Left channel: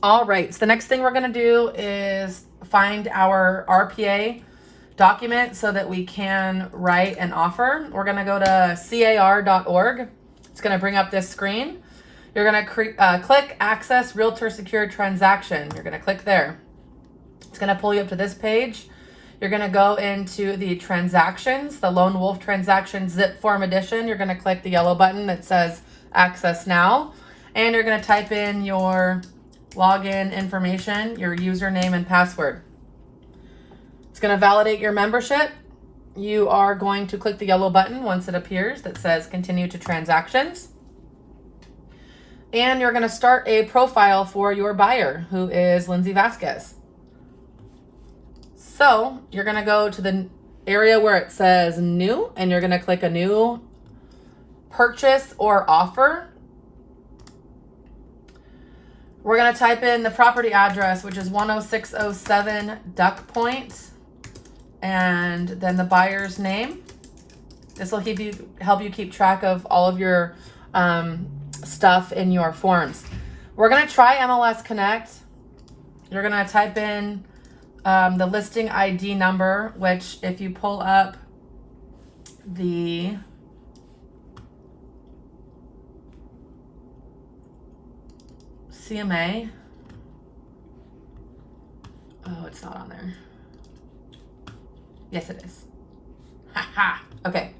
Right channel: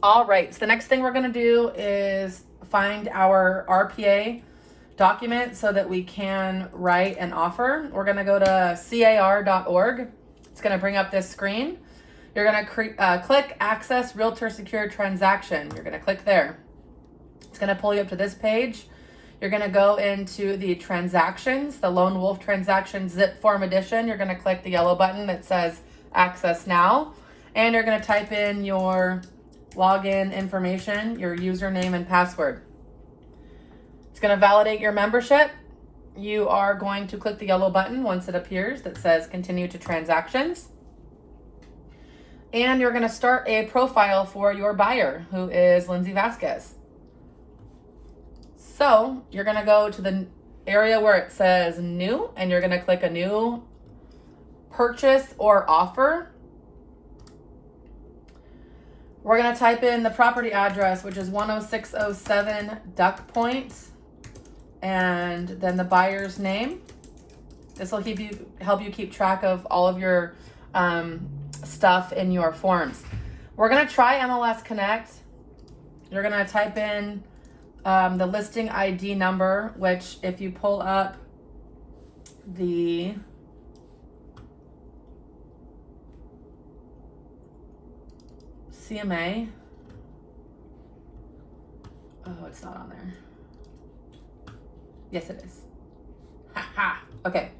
All right, so the next thing we're gonna do is find our RPA document so that we can write an offer. We're gonna go to car.org. It's gonna bring up this screen. You're gonna click Access Realtor Secure Transaction. You're gonna click there. It's gonna pull you up to this page. You're gonna go into the transactions, the Lone Wolf Transaction Zip Form Edition. You're gonna click the yellow button that says Access Now, and you're gonna type in your login information, your username and password. It's going to validate your membership. You are going to click the yellow button once it appears that says continue to transactions. And you're going to start a profile for your buyer, who is Lindsay Vasquez. So you're going to go to the area where it says new, and you're going to click a new purchase or offer. We're going to type in the property address, which is 10607 Duck Point, and then the buyer's name. This will help you keep track of all of your stuff in your forms. We're going to try MLS Connect. You're going to type in the listing ID number, which if you pull up the CMA. Oh, it's not on there. Yes, it is. Ha ha. Okay.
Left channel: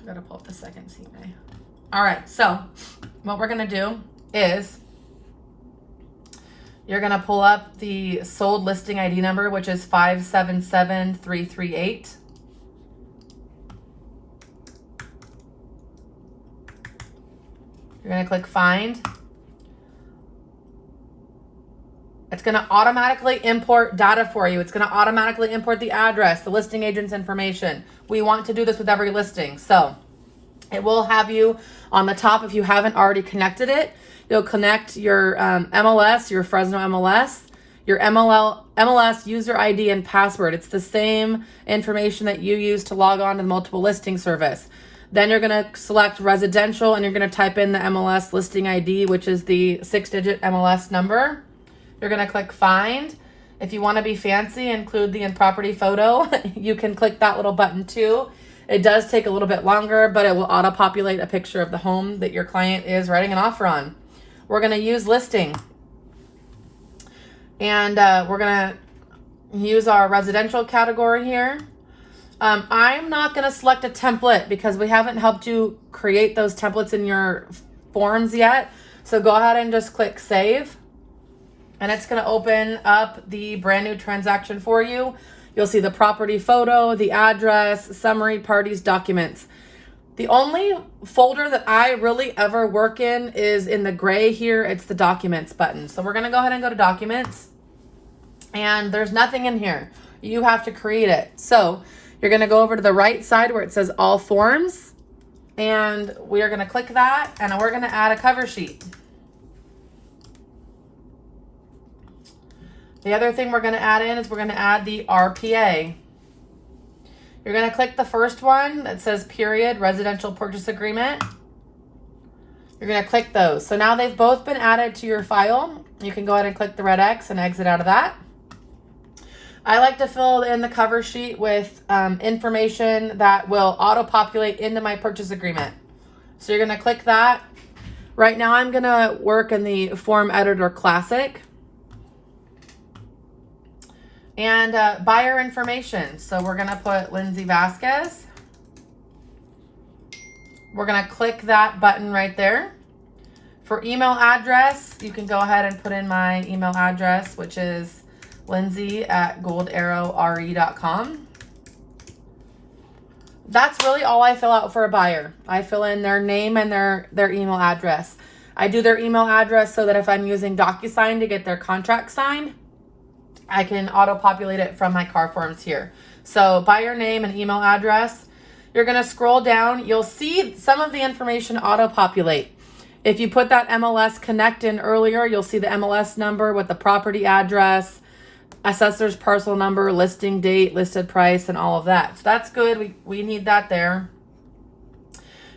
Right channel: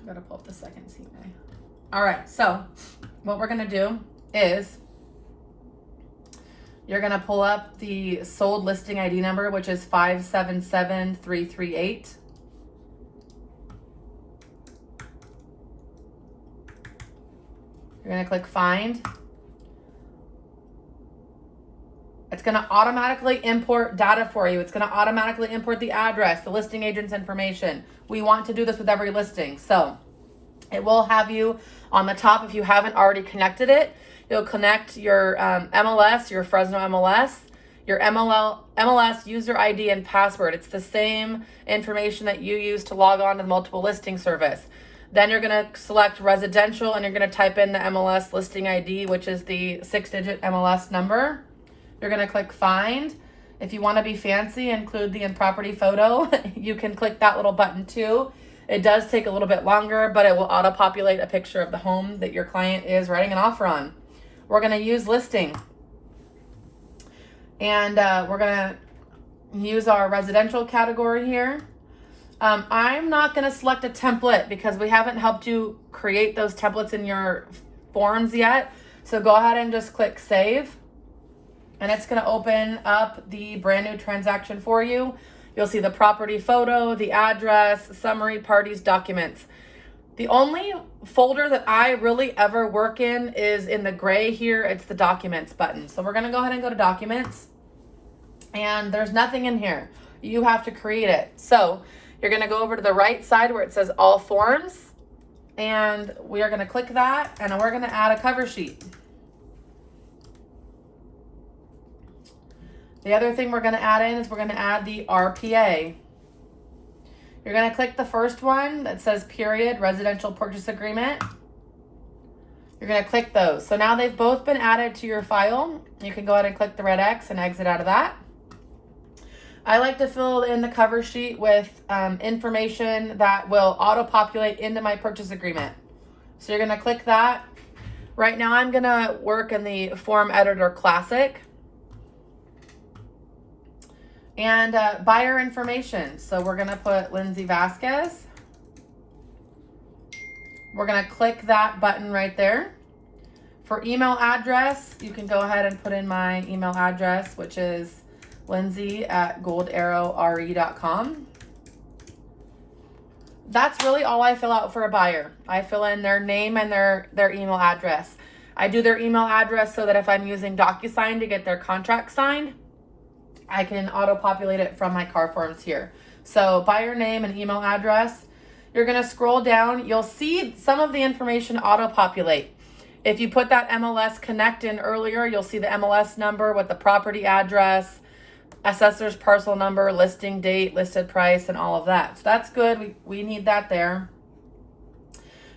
I gotta pull up the second CMA. All right. So what we're gonna do is you're gonna pull up the sold listing ID number, which is 577338. You're going to click find. It's going to automatically import data for you. It's going to automatically import the address, the listing agent's information. We want to do this with every listing. So it will have you on the top if you haven't already connected it. You'll connect your MLS, your Fresno MLS, your MLS user ID and password. It's the same information that you use to log on to the multiple listing service. Then you're going to select residential, and you're going to type in the MLS listing ID, which is the 6-digit MLS number. You're going to click find. If you want to be fancy, include the in-property photo. You can click that little button too. It does take a little bit longer, but it will auto-populate a picture of the home that your client is writing an offer on. We're going to use listing. And we're going to use our residential category here. I'm not going to select a template because we haven't helped you create those templates in your forms yet. So go ahead and just click save. And it's going to open up the brand new transaction for you. You'll see the property photo, the address, summary, parties, documents. The only folder that I really ever work in is in the gray here. It's the documents button. So we're going to go ahead and go to documents. And there's nothing in here. You have to create it. So you're going to go over to the right side where it says all forms, and we are going to click that, and we're going to add a cover sheet. The other thing we're going to add in is we're going to add the RPA. You're going to click the first one that says period residential purchase agreement. You're going to click those. So now they've both been added to your file. You can go ahead and click the red X and exit out of that. I like to fill in the cover sheet with information that will auto-populate into my purchase agreement. So you're going to click that. Right now I'm going to work in the Form Editor Classic. And buyer information. So we're going to put Lindsay Vasquez. We're going to click that button right there. For email address, you can go ahead and put in my email address, which is lindsay@goldarrowre.com. That's really all I fill out for a buyer. I fill in their name and their email address. I do their email address so that if I'm using DocuSign to get their contract signed, I can auto-populate it from my car forms here. So buyer name and email address. You're going to scroll down. You'll see some of the information auto-populate. If you put that MLS Connect in earlier, you'll see the MLS number with the property address, assessor's parcel number, listing date, listed price, and all of that. So that's good. We need that there.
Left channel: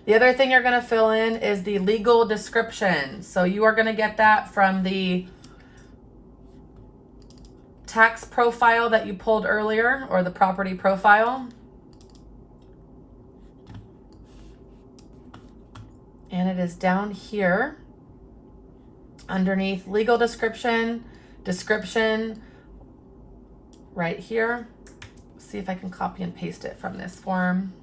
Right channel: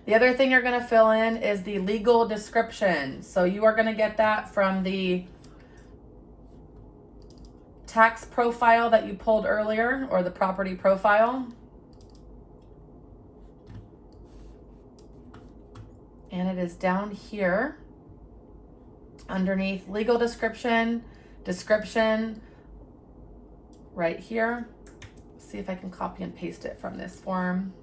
The other thing you're going to fill in is the legal description. So you are going to get that from the tax profile that you pulled earlier, or the property profile. And it is down here underneath legal description, right here. See if I can copy and paste it from this form.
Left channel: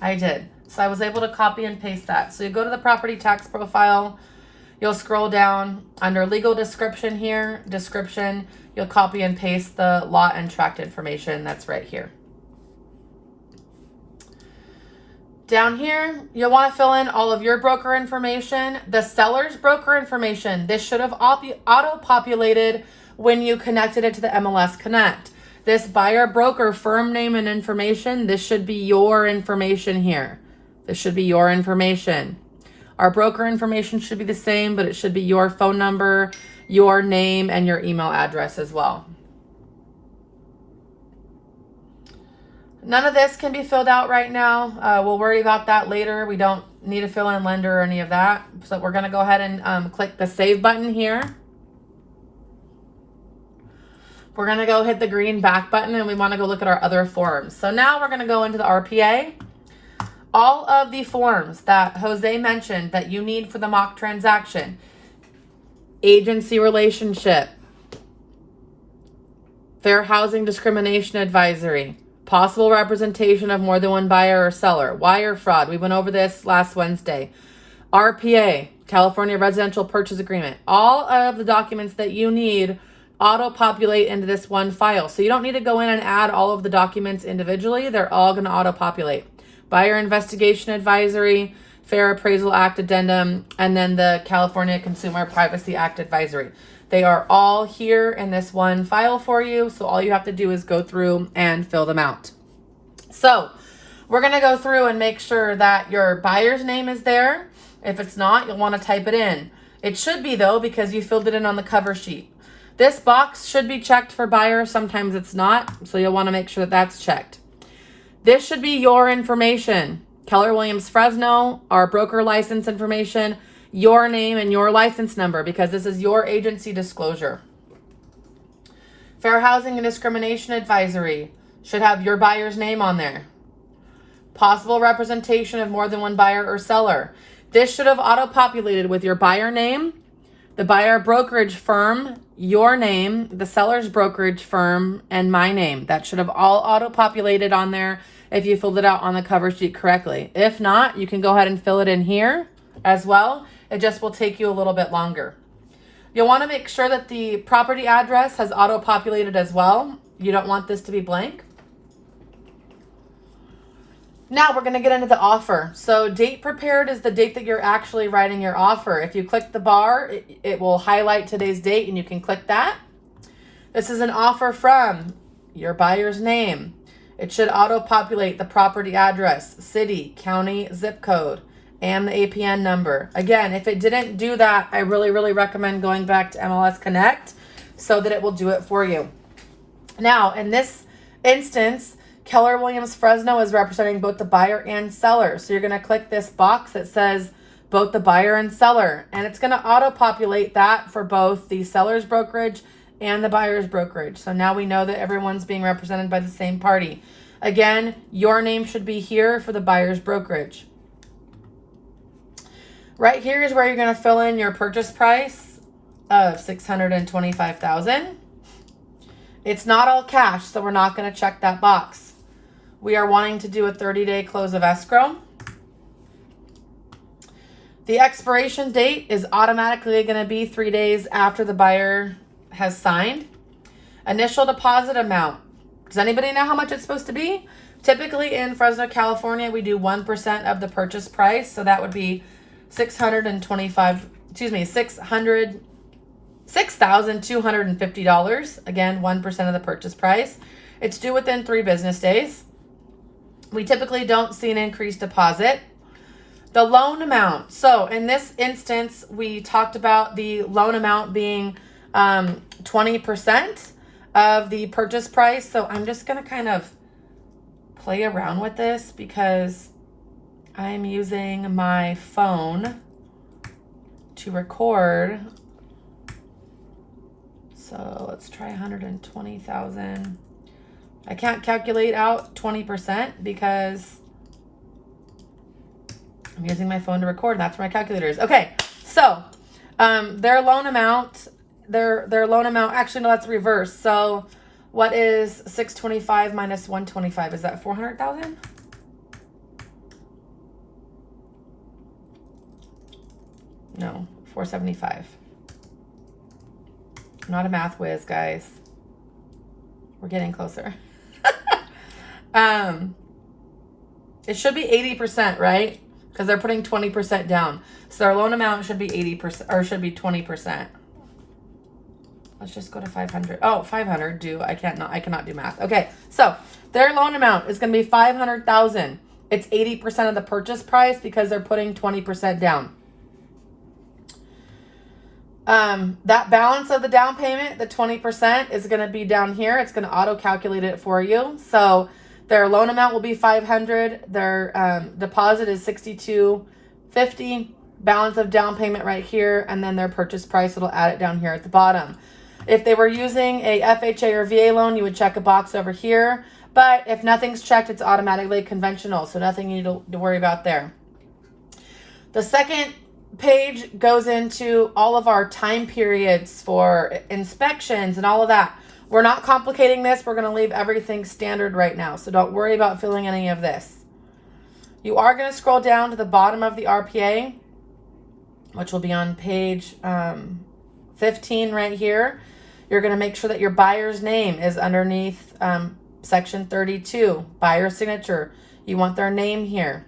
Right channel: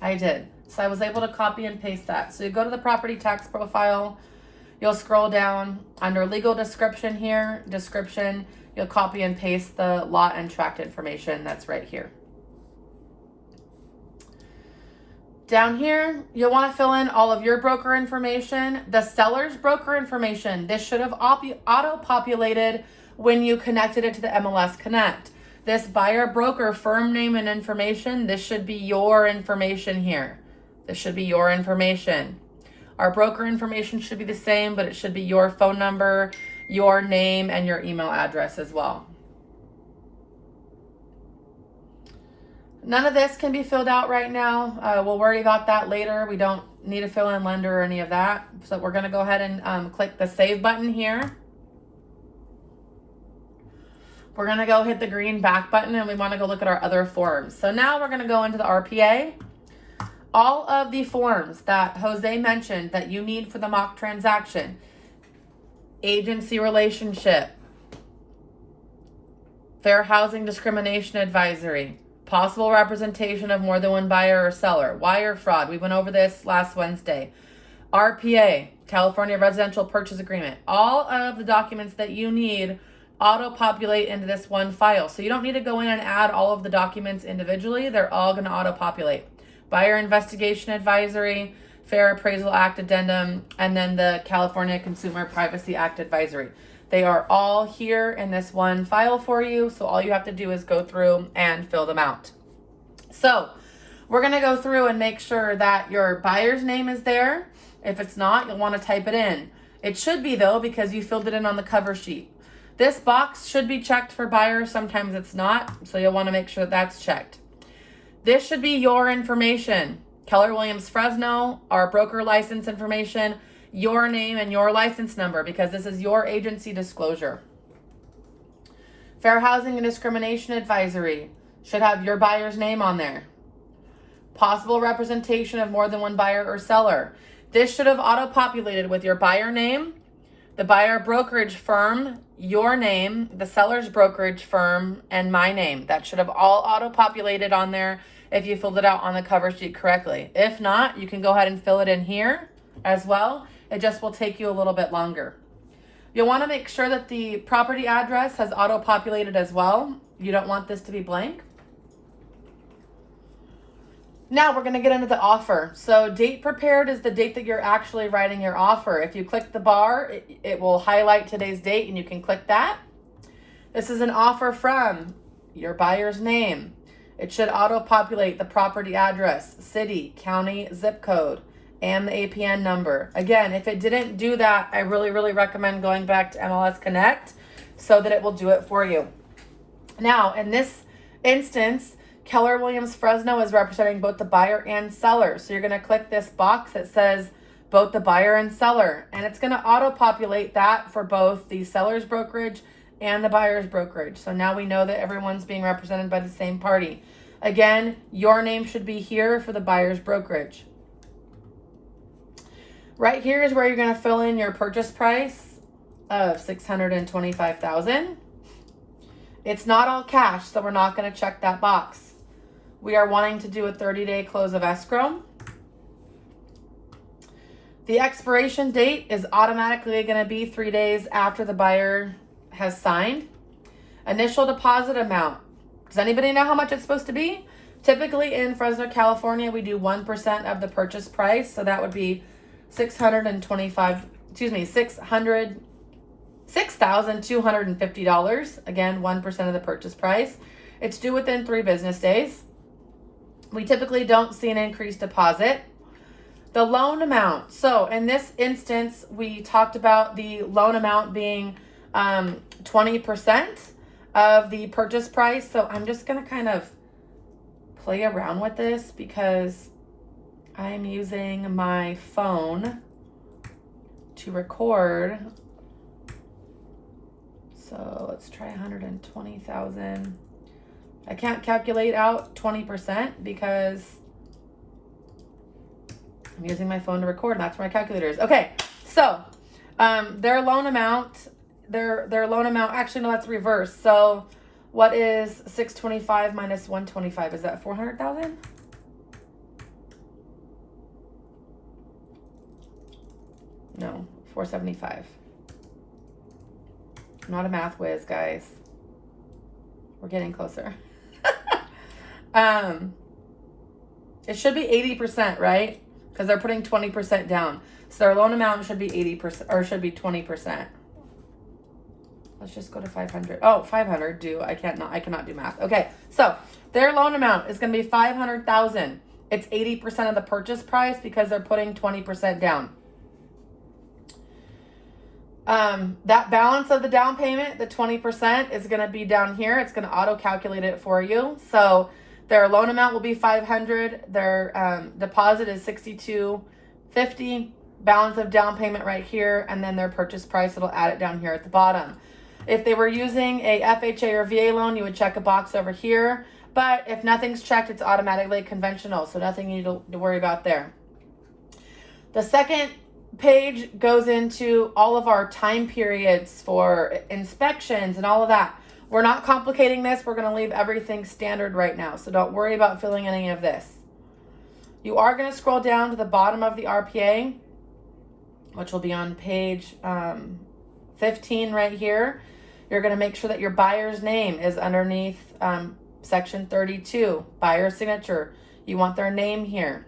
I did. So I was able to copy and paste that. So you go to the property tax profile, you'll scroll down under legal description here, description, you'll copy and paste the lot and tract information that's right here. Down here, you'll want to fill in all of your broker information, the seller's broker information. This should have auto-populated when you connected it to the MLS Connect. This buyer broker firm name and information, this should be your information here. This should be your information. Our broker information should be the same, but it should be your phone number, your name, and your email address as well. None of this can be filled out right now. We'll worry about that later. We don't need to fill in lender or any of that. So we're going to go ahead and click the save button here. We're going to go hit the green back button, and we want to go look at our other forms. So now we're going to go into the RPA. All of the forms that Jose mentioned that you need for the mock transaction: agency relationship, fair housing discrimination advisory, possible representation of more than one buyer or seller, wire fraud. We went over this last Wednesday. RPA, California Residential Purchase Agreement. All of the documents that you need auto-populate into this one file. So you don't need to go in and add all of the documents individually. They're all going to auto-populate. Buyer Investigation Advisory, Fair Appraisal Act Addendum, and then the California Consumer Privacy Act Advisory. They are all here in this one file for you. So all you have to do is go through and fill them out. So we're going to go through and make sure that your buyer's name is there. If it's not, you'll want to type it in. It should be though, because you filled it in on the cover sheet. This box should be checked for buyer. Sometimes it's not. So you'll want to make sure that that's checked. This should be your information. Keller Williams Fresno, our broker license information, your name and your license number, because this is your agency disclosure. Fair Housing and Discrimination Advisory should have your buyer's name on there. Possible representation of more than one buyer or seller. This should have auto-populated with your buyer name, the buyer brokerage firm, your name, the seller's brokerage firm, and my name. That should have all auto-populated on there if you filled it out on the cover sheet correctly. If not, you can go ahead and fill it in here as well. It just will take you a little bit longer. You'll want to make sure that the property address has auto-populated as well. You don't want this to be blank. Now we're going to get into the offer. So date prepared is the date that you're actually writing your offer. If you click the bar, it will highlight today's date and you can click that. This is an offer from your buyer's name. It should auto-populate the property address, city, county, zip code, and the APN number. Again, if it didn't do that, I really recommend going back to MLS Connect so that it will do it for you. Now, in this instance, Keller Williams Fresno is representing both the buyer and seller. So you're going to click this box that says both the buyer and seller, and it's going to auto-populate that for both the seller's brokerage and the buyer's brokerage. So now we know that everyone's being represented by the same party. Again, your name should be here for the buyer's brokerage. Right here is where you're going to fill in your purchase price of $625,000. It's not all cash, so we're not going to check that box. We are wanting to do a 30-day close of escrow. The expiration date is automatically going to be 3 days after the buyer has signed. Initial deposit amount. Does anybody know how much it's supposed to be? Typically in Fresno, California, we do 1% of the purchase price. So that would be $6,250. Again, 1% of the purchase price. It's due within 3 business days. We typically don't see an increased deposit. The loan amount. So in this instance, we talked about the loan amount being 20% of the purchase price. So I'm just going to kind of play around with this because I'm using my phone to record. So let's try 120,000. I can't calculate out 20% because I'm using my phone to record, and that's where my calculator is. Okay, so their loan amount, actually no, that's reverse. So what is 625 minus 125? Is that 400,000? No, 475. I'm not a math whiz, guys. We're getting closer. It should be 80%, right? Because they're putting 20% down. So their loan amount should be 80%, or should be 20%. Let's just go to 500. Oh, 500. I cannot do math. Okay, so their loan amount is going to be 500,000. It's 80% of the purchase price because they're putting 20% down. That balance of the down payment, the 20%, is going to be down here. It's going to auto calculate it for you. So their loan amount will be 500. Their deposit is 62.50. Balance of down payment right here, and then their purchase price, it'll add it down here at the bottom. If they were using a FHA or VA loan, you would check a box over here. But if nothing's checked, it's automatically conventional, so nothing you need to worry about there. The second page goes into all of our time periods for inspections and all of that. We're not complicating this. We're going to leave everything standard right now, so don't worry about filling any of this. You are going to scroll down to the bottom of the RPA, which will be on page 15 right here. You're going to make sure that your buyer's name is underneath section 32, buyer signature. You want their name here.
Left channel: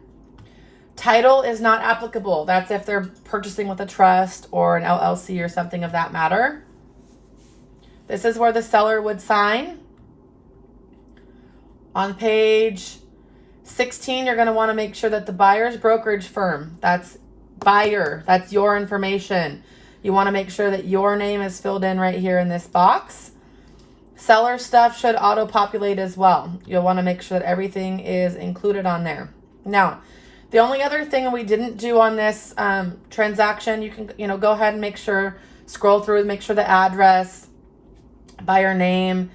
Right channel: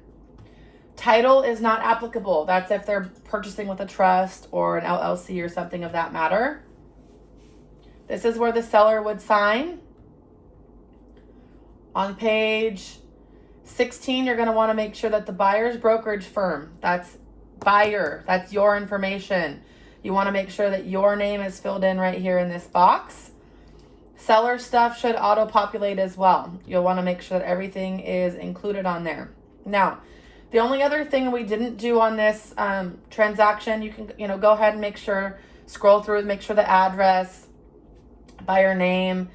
Title is not applicable. That's if they're purchasing with a trust or an LLC or something of that matter. This is where the seller would sign. On page 16, you're going to want to make sure that the buyer's brokerage firm, that's buyer, that's your information. You want to make sure that your name is filled in right here in this box. Seller stuff should auto-populate as well. You'll want to make sure that everything is included on there. Now, the only other thing we didn't do on this transaction, you can go ahead and make sure, scroll through, make sure the address, buyer name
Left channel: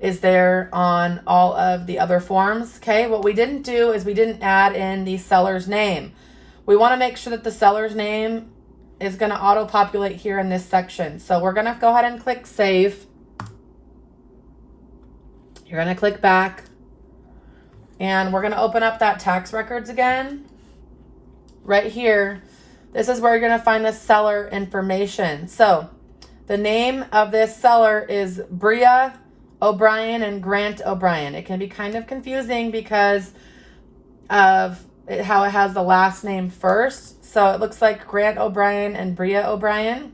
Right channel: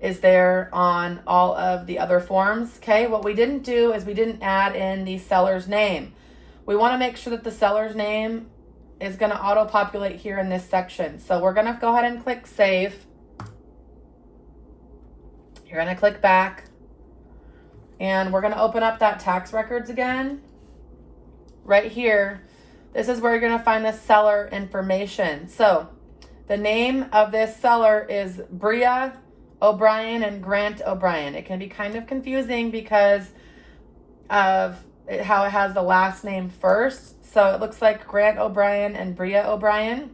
is there on all of the other forms. Okay, what we didn't do is we didn't add in the seller's name. We want to make sure that the seller's name is going to auto-populate here in this section. So we're going to go ahead and click save. You're going to click back. And we're going to open up that tax records again. Right here, this is where you're going to find the seller information. So the name of this seller is Bria O'Brien and Grant O'Brien. It can be kind of confusing because of how it has the last name first. So it looks like Grant O'Brien and Bria O'Brien.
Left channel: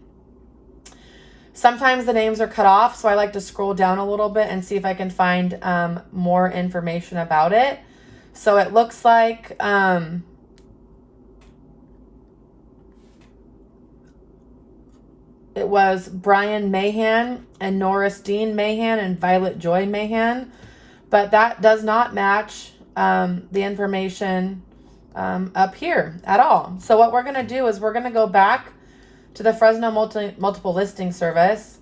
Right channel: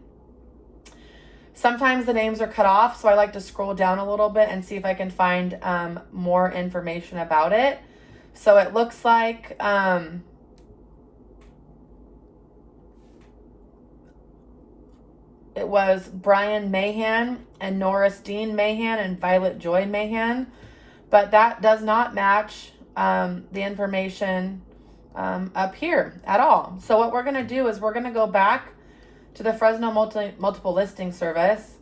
Sometimes the names are cut off, so I like to scroll down a little bit and see if I can find more information about it. So it looks like it was Brian Mahan and Norris Dean Mahan and Violet Joy Mahan, but that does not match the information up here at all. So what we're going to do is we're going to go back to the Fresno multiple listing service,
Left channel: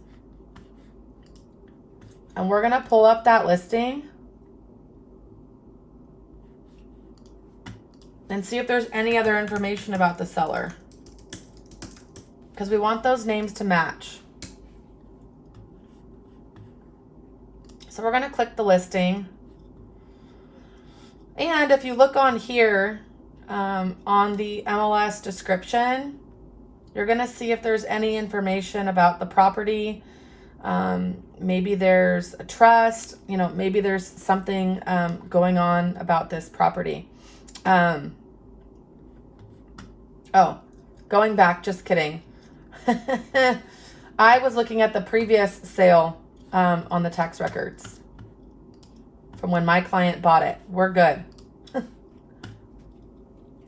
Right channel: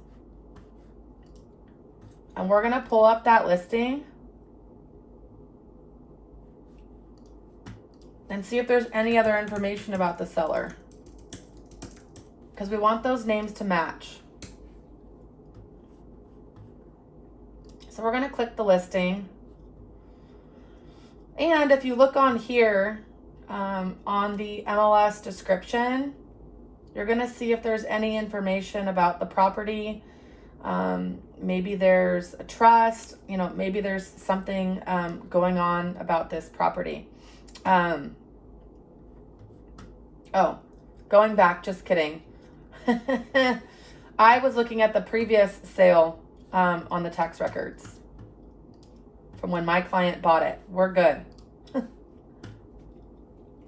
and we're going to pull up that listing and see if there's any other information about the seller, because we want those names to match. So we're going to click the listing. And if you look on here, on the MLS description, you're going to see if there's any information about the property. Maybe there's a trust, maybe there's something going on about this property. Oh, going back, just kidding. I was looking at the previous sale on the tax records from when my client bought it. We're good.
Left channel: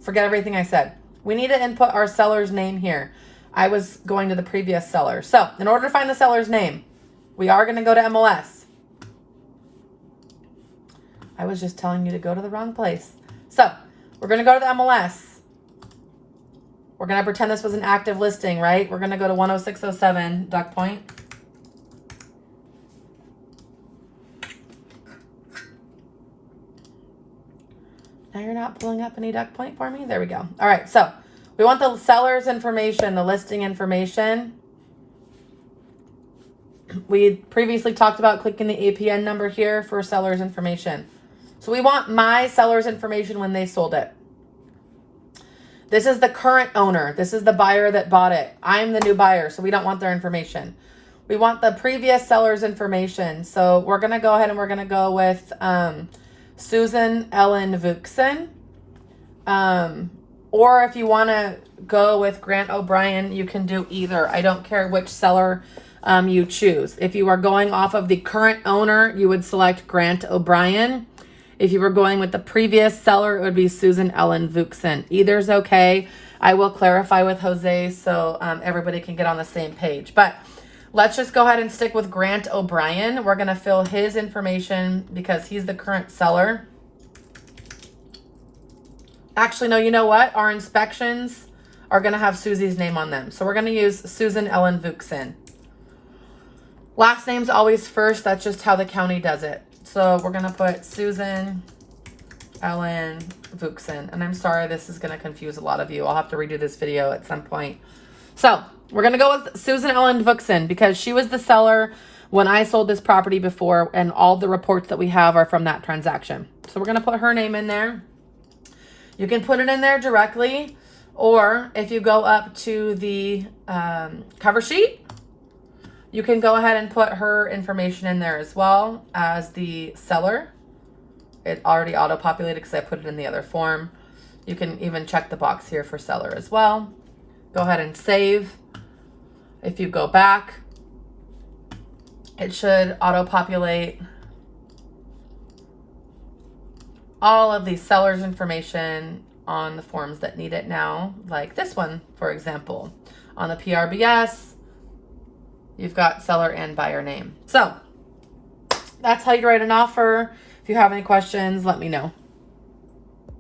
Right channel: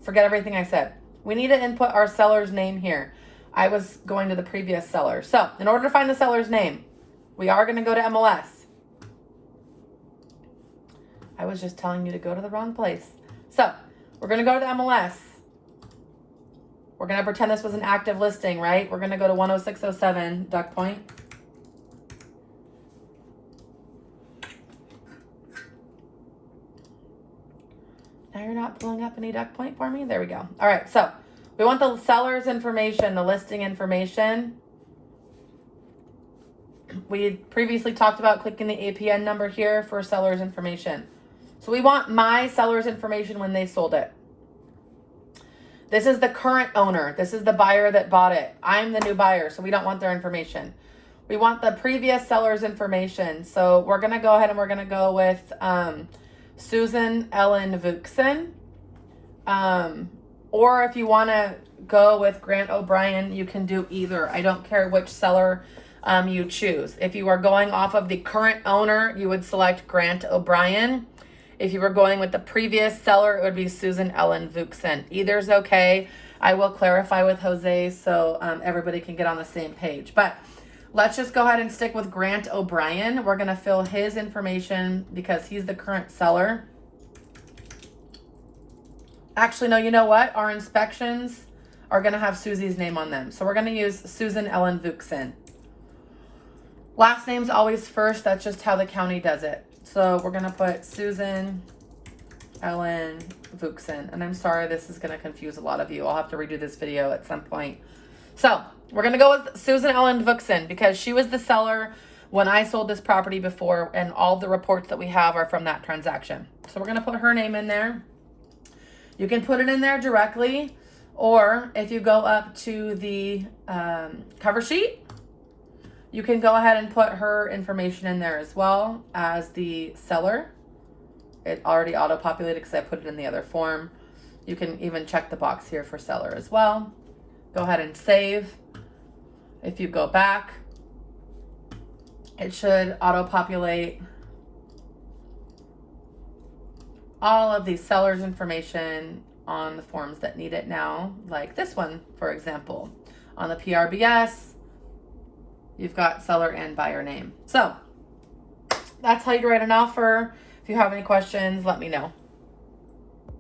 Forget everything I said. We need to input our seller's name here. I was going to the previous seller. So in order to find the seller's name, we are going to go to MLS. I was just telling you to go to the wrong place. So We're going to go to the MLS. We're going to pretend this was an active listing, right? We're going to go to 10607 Duck Point. Now you're not pulling up any Duck Point for me? There we go. All right, so we want the seller's information, the listing information. We previously talked about clicking the APN number here for seller's information. So we want my seller's information when they sold it. This is the current owner. This is the buyer that bought it. I'm the new buyer, so we don't want their information. We want the previous seller's information. So we're going to go ahead and we're going to go with Susan Ellen Vuxen. Or if you want to go with Grant O'Brien, you can do either. I don't care which seller you choose. If you are going off of the current owner, you would select Grant O'Brien. If you were going with the previous seller, it would be Susan Ellen Vuxen. Either is okay. I will clarify with Jose so everybody can get on the same page. But let's just go ahead and stick with Grant O'Brien. We're going to fill his information because he's the current seller. Actually, no, you know what? Our inspections are going to have Susie's name on them. So we're going to use Susan Ellen Vuxen. Last name's always first. That's just how the county does it. So we're going to put Susan Ellen Vuxen. And I'm sorry, this is going to confuse a lot of you. I'll have to redo this video at some point. So we're going to go with Susan Ellen Vuxen because she was the seller when I sold this property before, and all the reports that we have are from that transaction. So we're going to put her name in there. You can put it in there directly, or if you go up to the cover sheet, you can go ahead and put her information in there as well as the seller. It already auto-populated because I put it in the other form. You can even check the box here for seller as well. Go ahead and save. If you go back, it should auto-populate all of the seller's information on the forms that need it now, like this one, for example. On the PRBS, you've got seller and buyer name. So that's how you write an offer. If you have any questions, let me know.